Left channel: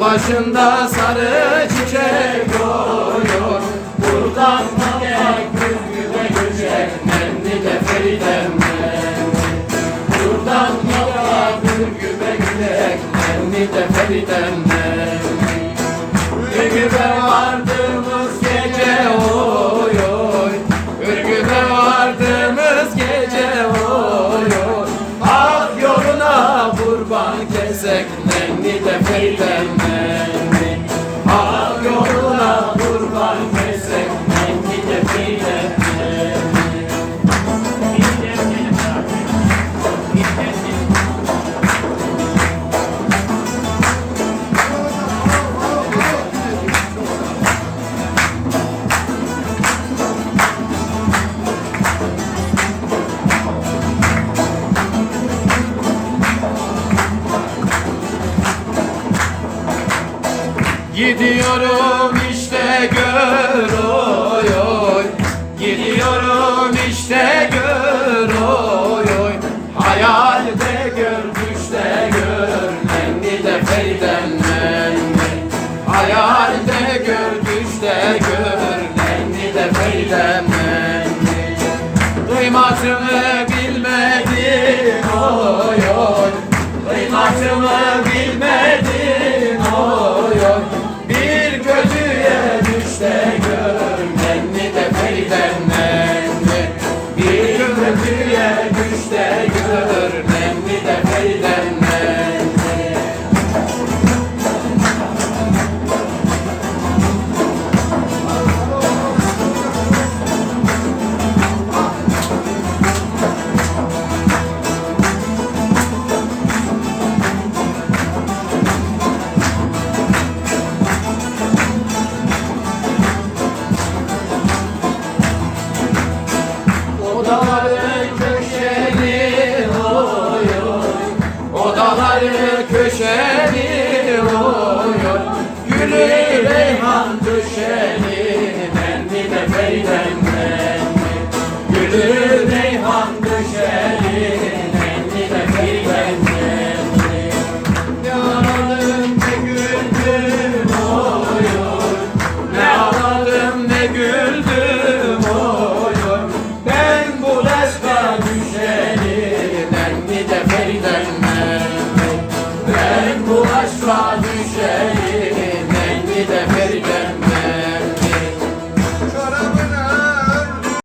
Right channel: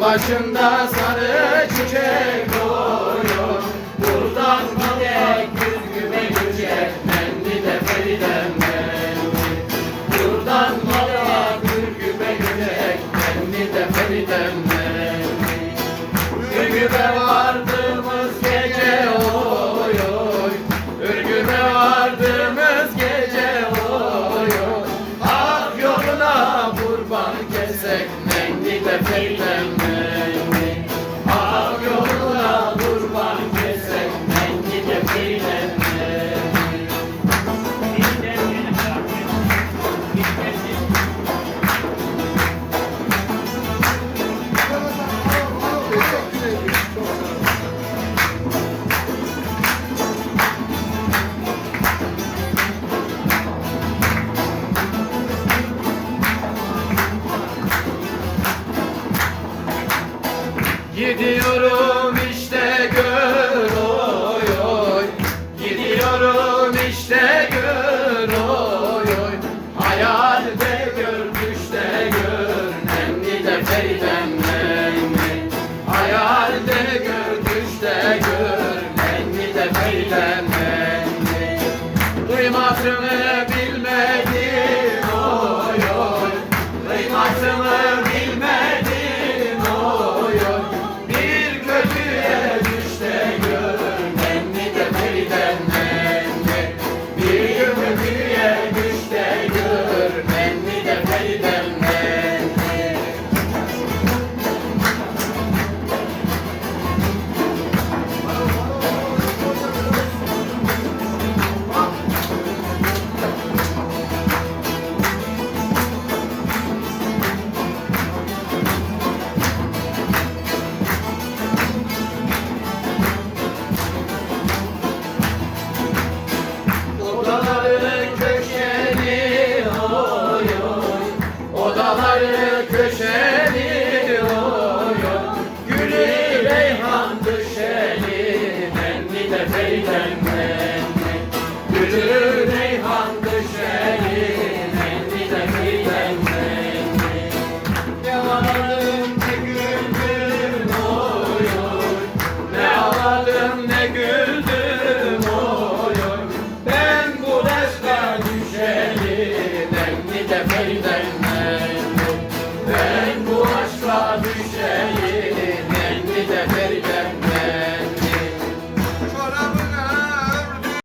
Başında sarı çiçek doğuyor Buradan gidek güzgüme göçek Nenni de Feridem nenni Buradan gidek güzgüme göçek Nenni de Feridem Gidiyorum işte gör oy oy. Gidiyorum işte gör oy oy. Hayalde gör düşte gör Nemli de Feridem nemli Hayalde gör düşte gör Nemli de Feridem